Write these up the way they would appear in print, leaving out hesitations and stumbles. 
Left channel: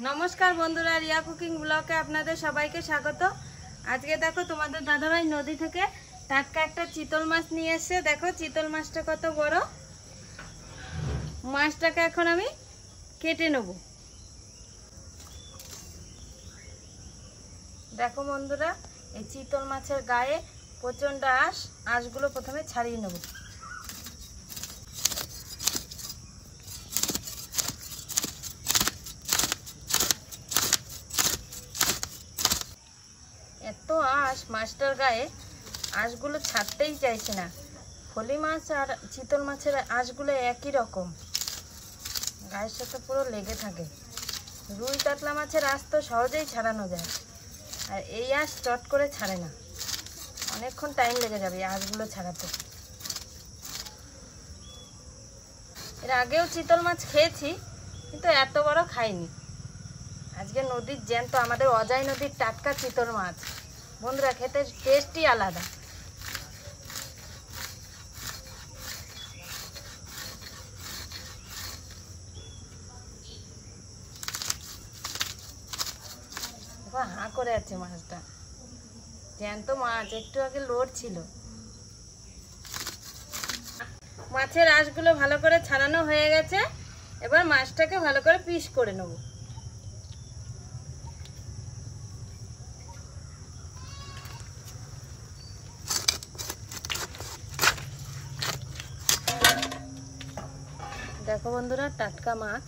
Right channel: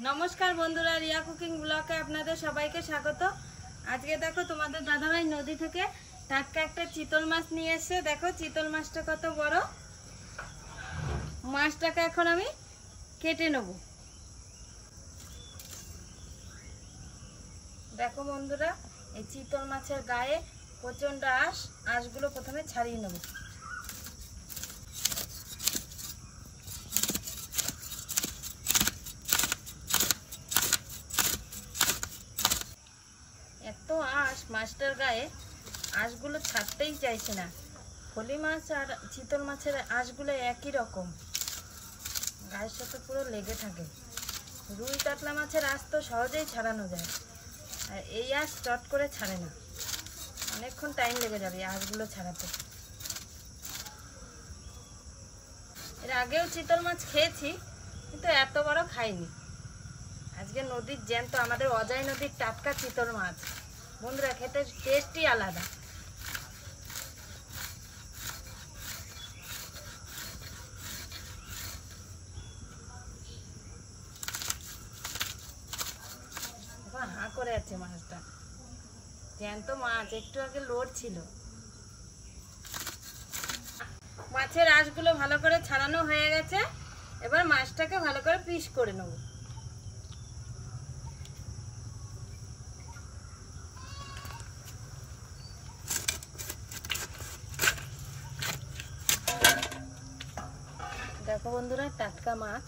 नमस्कार बंधुरा रिया कुकिंग ब्लगे आपनादेर सबाइके स्वागत। आज के देखो तुम्हारे दादा भाई नदी थेके टाटका एक चितल माछ निये एसेछे। देखो चितल माछटा कत बड़। माछटाके एखन आमि केटे नेब। देखो बंधुरा এই চিতল মাছের গায়ে প্রচন্ড আঁশগুলো প্রথমে ছাড়িয়ে নেব। এত মাছটার গায়ে আঁশগুলো ছাড়তেই চাইছে না। ফলি মাছ আর চিতল মাছের আঁশগুলো একই রকম, গায়ের সাথে পুরো লেগে থাকে। রুই কাতলা মাছের আঁশ তো সহজেই ছাড়ানো যায়, আর এই আঁশ চট করে ছাড়ে না, অনেকক্ষণ টাইম লেগে যাবে আঁশগুলো ছাড়াতে। এর আগেও চিতল মাছ খেয়েছি, কিন্তু এত বড় খাইনি। আজকে নদীর জ্যান্ত, আমাদের অজয় নদীর টাটকা চিতল মাছ। বন্ধুরা খেতে টেস্টই আলাদা। হাঁ করে আছে মাছটা, জ্যান্ত মাছ, একটু আগে লড়ছিল। মাছের আঁশগুলো ভালো করে ছাড়ানো হয়ে গেছে। এবার মাছটাকে ভালো করে পিস করে নেব। দেখো বন্ধুরা টাটকা মাছ।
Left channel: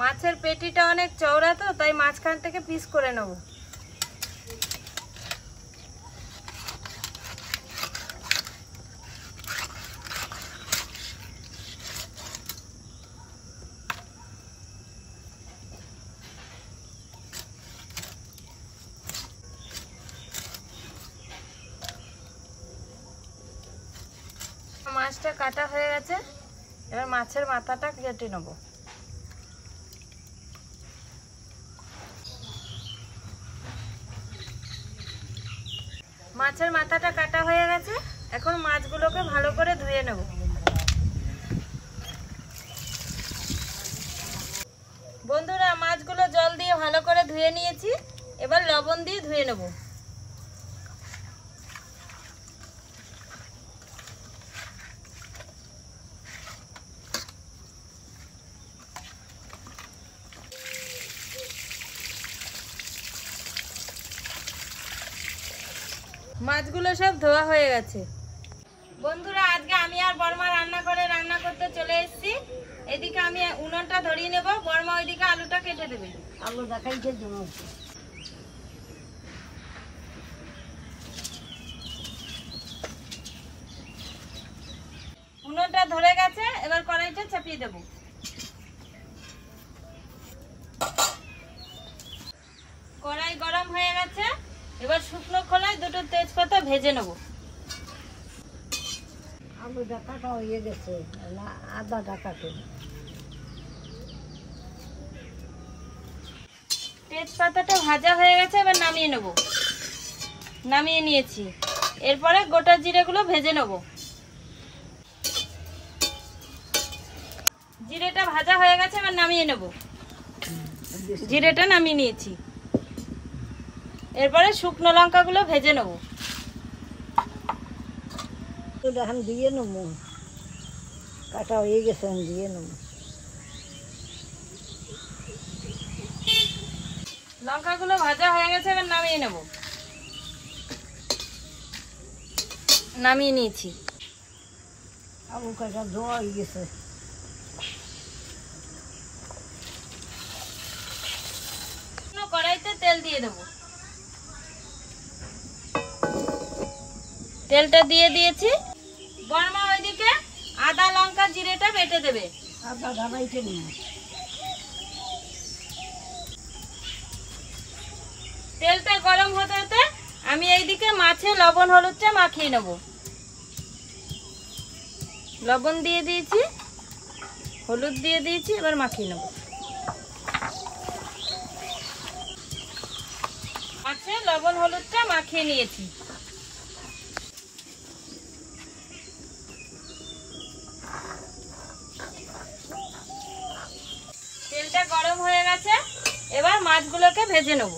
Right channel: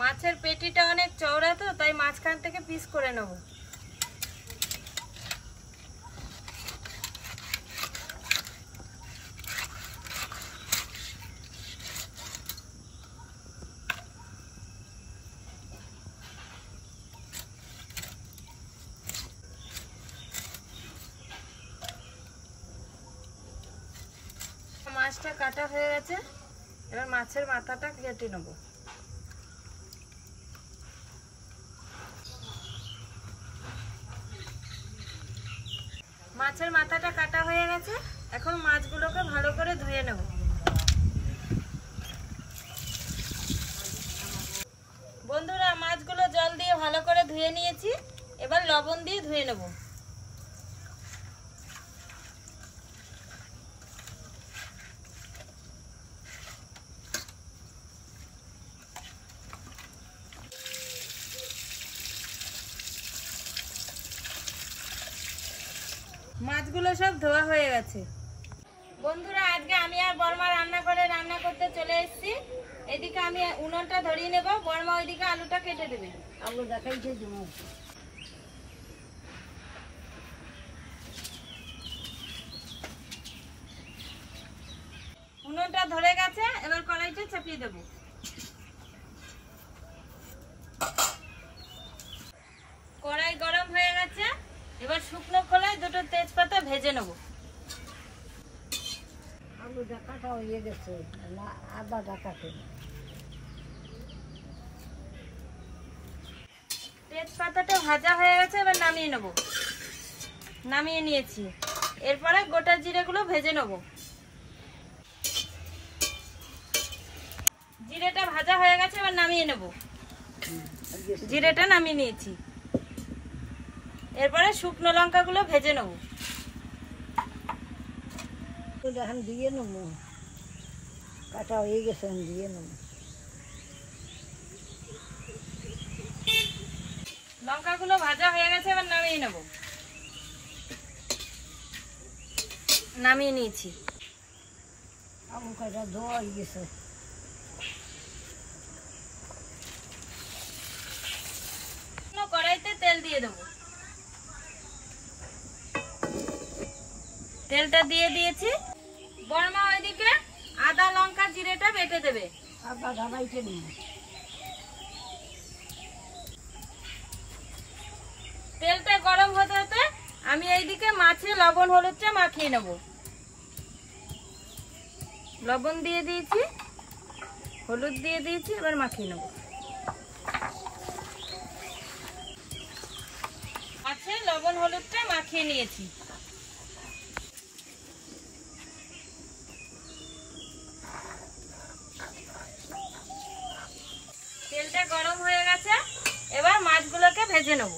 মাছের পেটিটা অনেক চওড়া, তো তাই মাঝখান থেকে পিস করে নেব। মাছটা কাটা হয়ে গেছে, এবার মাছের মাথাটা কেটে নেব। মাছের মাথাটা কাটা হয়ে গেছে, এখন মাছগুলোকে ভালো করে ধুয়ে নেব। বন্ধুরা মাছগুলো জল দিয়ে ভালো করে ধুয়ে নিয়েছি, এবার লবণ দিয়ে ধুয়ে নেব। মাছগুলো সব ধোয়া হয়ে গেছে। বন্ধুরা আজকে আমি আর বর্মা রান্না করতে চলে এসেছি। এদিকে আমি উনুনটা ধরিয়ে নেব, বর্মা ওইদিকে আলুটা কেটে দেবে। আলু দেখাইছে উনুনটা ধরে গেছে, এবার কড়াইটা চাপিয়ে দেব। কড়াই গরম হয়ে গেছে, এবার শুকনো খোলায় দুটো তেজপাতা ভেজে নেব। আলুটা কাটা হয়ে গেছে, আদাটা কাটে। তেজপাতাটা ভাজা হয়ে গেছে, এবার নামিয়ে নেব। নামিয়ে নিয়েছি। এরপরে গোটা জিরেগুলো ভেজে নেব। জিরেটা ভাজা হয়ে গেছে, এবার নামিয়ে নেব। জিরেটা নামিয়ে নিয়েছি। এরপরে শুকনো লঙ্কাগুলো ভেজে নেব। এখন দিয়ে নেব, কাটা হয়ে গেছে, দিয়ে নেব। লঙ্কাগুলো ভাজা হয়ে গেছে, এবার নামিয়ে নেব। নামিয়ে নিয়েছি। আলু কাটা ধোয়া হয়ে গেছে। কড়াইতে তেল দিয়ে দেবো। তেলটা দিয়ে দিয়েছি। বর্মা ওইদিকে আদা লঙ্কা জিরেটা বেটে দেবে। আদা বাইটে নেব। তেলটা গরম হতে হতে আমি এইদিকে মাছে লবণ হলুদটা মাখিয়ে নেব। লবণ দিয়ে দিয়েছি, হলুদ দিয়ে দিয়েছি, এবার মাখিয়ে নেব। লবণ হলুদটা মাখিয়ে নিয়েছি। তেলটা গরম হয়ে গেছে, এবার মাছগুলোকে ভেজে নেব।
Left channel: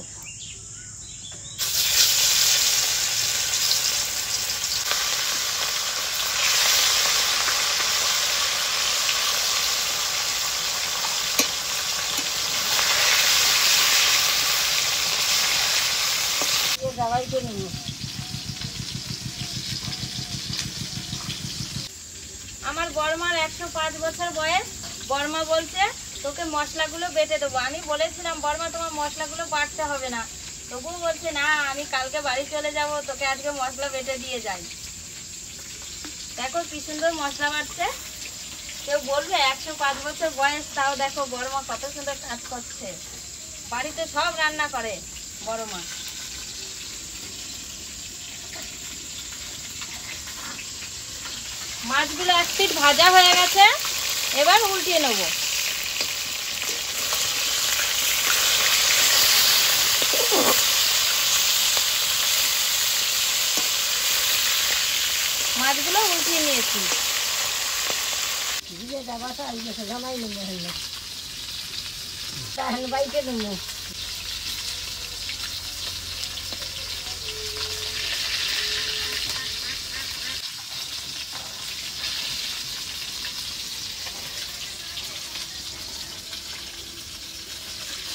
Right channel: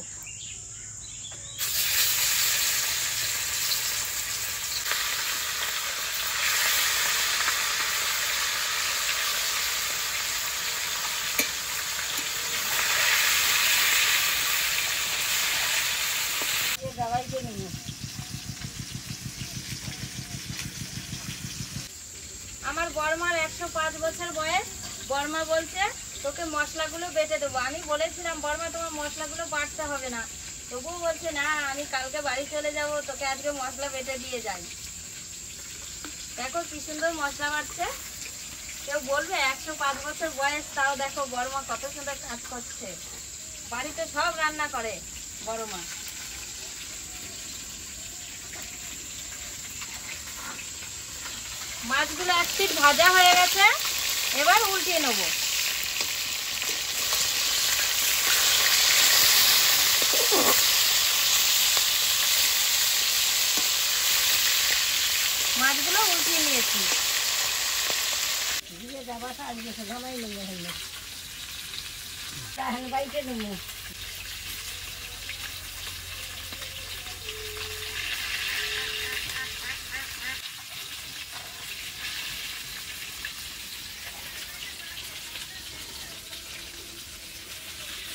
আমার বড়মার 105 বছর বয়স। বড়মা বলছে তোকে মশলাগুলো বেটে দেবো। আমি বলেছিলাম বড়মা তোমার মশলাগুলো বাটতে হবে না, তবুও বলছে না আমি কালকে বাড়ি চলে যাব, তোকে আজকে মশলা বেটে দিয়ে যাই। দেখো কি সুন্দর মশলা বাটছে। কেউ বলবে 105 বছর বয়স, তাও দেখো বড়মা কত সুন্দর কাজ করছে। বাড়িতে সব রান্না করে বড়মা। মাছগুলো এক পিঠ ভাজা হয়ে গেছে, এবার উল্টিয়ে নেব। মাছগুলো উল্টিয়ে নিয়েছি। বাইকে নেব।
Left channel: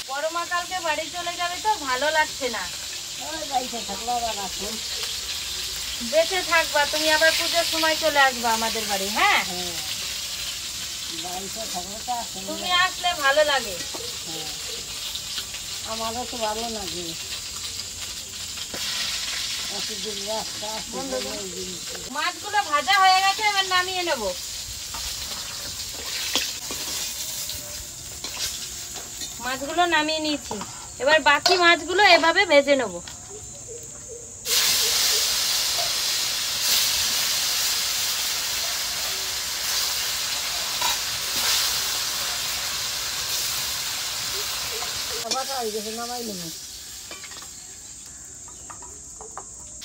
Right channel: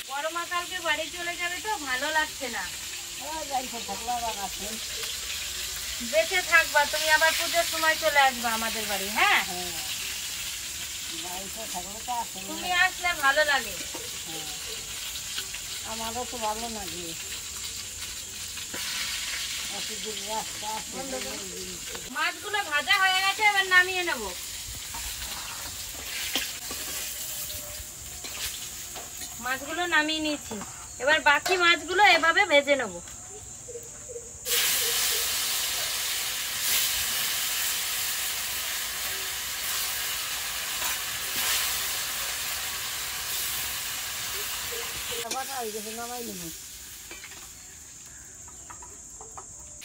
বড়মা কালকে বাড়ি চলে যাবে তো ভালো লাগছে না। বেঁচে থাকবা, তুমি আবার পুজোর সময় চলে আসবা আমাদের বাড়ি। হ্যাঁ, তুমি আসলে ভালো লাগে। আমারও তো ভালো লাগে। মাছগুলো ভাজা হয়ে গেছে, এবার নামিয়ে নেব। মাছগুলো নামিয়ে নিয়েছি, এবার বাকি মাছগুলো এভাবে ভেজে নেব।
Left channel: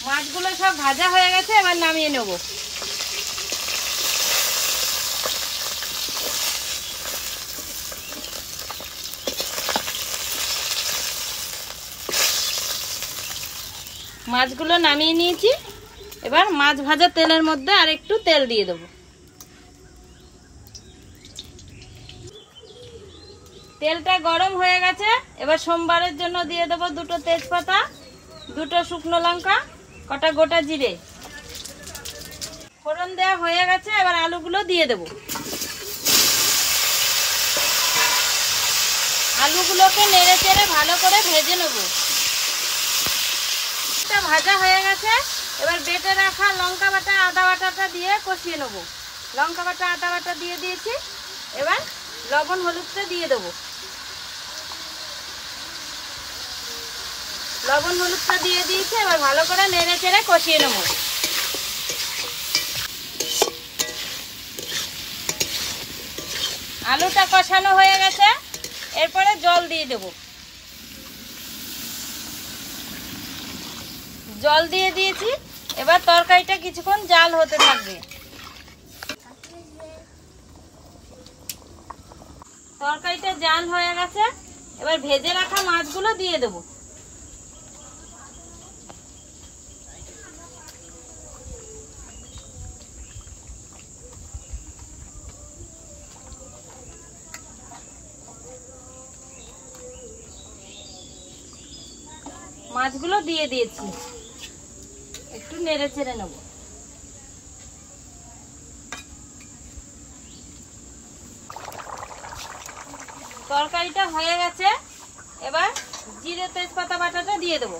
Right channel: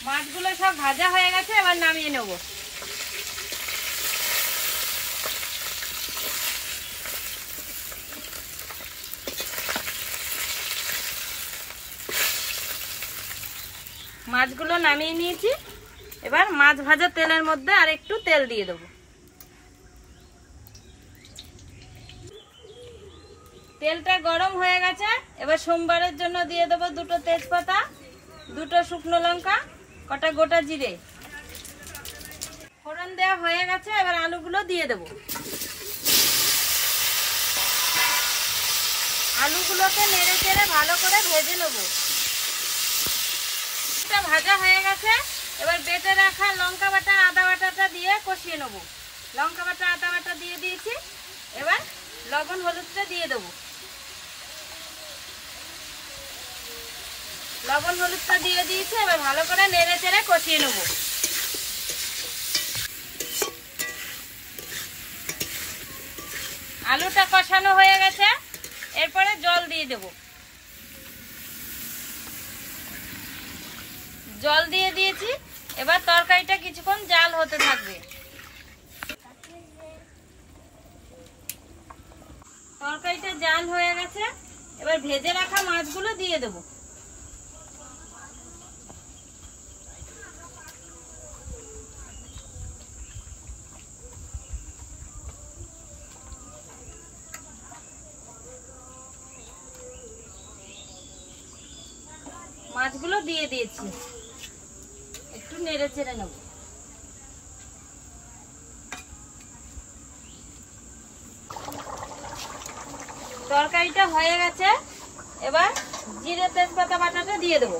মাছগুলো সব ভাজা হয়ে গেছে, এবার নামিয়ে নেব। মাছগুলো নামিয়ে নিয়েছি, এবার মাছ ভাজা তেলের মধ্যে আর একটু তেল দিয়ে দেবো। তেলটা গরম হয়ে গেছে, এবার সোমবারের জন্য দিয়ে দেবো 2টো তেজপাতা, 2টো শুকনো লঙ্কা, কটা গোটা জিরে। ফোড়ন দেওয়া হয়ে গেছে, এবার আলুগুলো দিয়ে দেবো। আলুগুলোকে নেড়ে চেড়ে ভালো করে ভেজে নেব। ভাজা হয়ে গেছে, এবার বেটে রাখা লঙ্কা বাটা আদা বাটাটা দিয়ে কষিয়ে নেব। লঙ্কা বাটা আদা বাটা দিয়ে দিয়েছি, এবার লবণ হলুদটা দিয়ে দেবো। লবণ হলুদটা দিয়ে দিয়েছি, এবার ভালো করে নেড়ে চেড়ে কষিয়ে নেব। আলুটা কষানো হয়ে গেছে, এরপরে জল দিয়ে দেব। জল দিয়ে দিয়েছি, এবার তরকারিটা কিছুক্ষণ জাল হতে থাকবে। তরকারিটা জাল হয়ে গেছে, এবার ভেজে রাখা মাছগুলো দিয়ে দেব। মাছগুলো দিয়ে দিয়েছি, একটু নেড়ে চেড়ে নেব। তরকারিটা হয়ে গেছে, এবার জিরে তেজপাতা বাটাটা দিয়ে দেবো।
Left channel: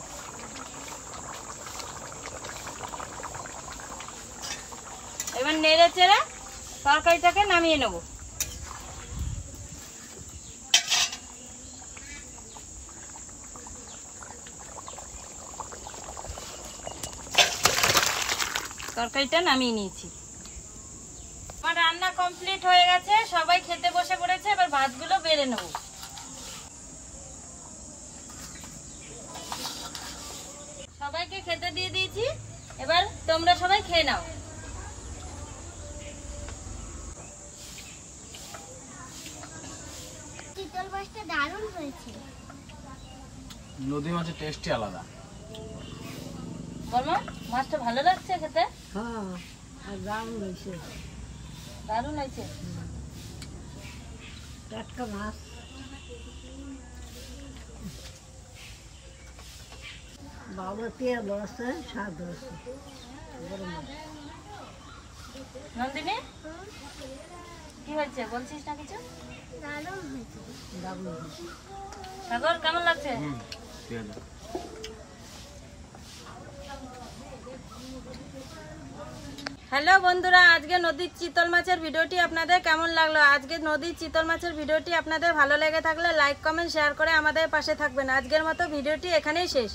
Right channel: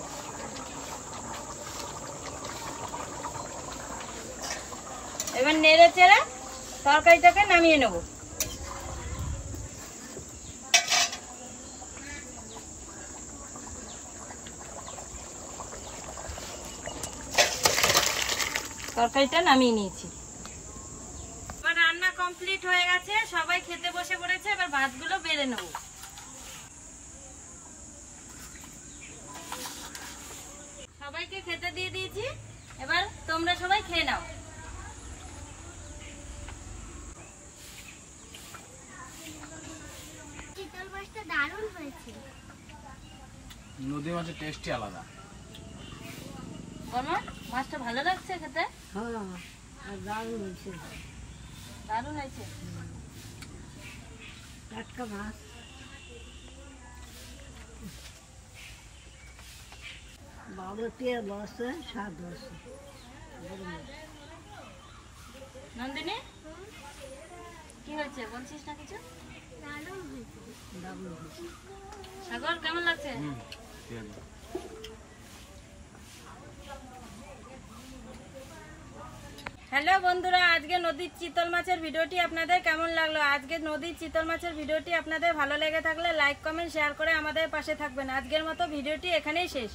এবার নেড়ে চেড়ে তরকারিটাকে নামিয়ে নেব। তরকারিটা নামিয়ে নিয়েছি। আমার রান্না কমপ্লিট হয়ে গেছে, সবাই খেতে বসে পড়েছে, এবার ভাতগুলো বেড়ে নেব। সবাইকে খেতে দিয়ে দিয়েছি, এবার তোমরা সবাই খেয়ে নাও। চিতল মাছটা দারুণ হয়েছে। নদী মাছের টেস্টই আলাদা। বর্মা, মাছটা ভালো লাগছে খেতে? হ্যাঁ, আর দারুণ হয়েছে। দারুণ হয়েছে। টাটকা মাছ। বাবা তেল আছে, স্বাদ আছে। নন্দিনী, কি হয়েছে বলছিস না কিছু? দারুণ হয়েছে। দারুণ হয়েছে। সাগর, কেমন লাগছে? ঠিক আছে। হ্যালো বন্ধুরা, আজকে নদীর চিতল মাছের ভিডিওটি আপনাদের কেমন লাগলো? আজকে নদীর চিতল মাছের ভিডিওটি আপনাদের ভালো লেগে থাকলে লাইক কমেন্ট শেয়ার করে আমাদের পাশে থাকবেন। আজকের মতো ভিডিওটি এখানেই শেষ।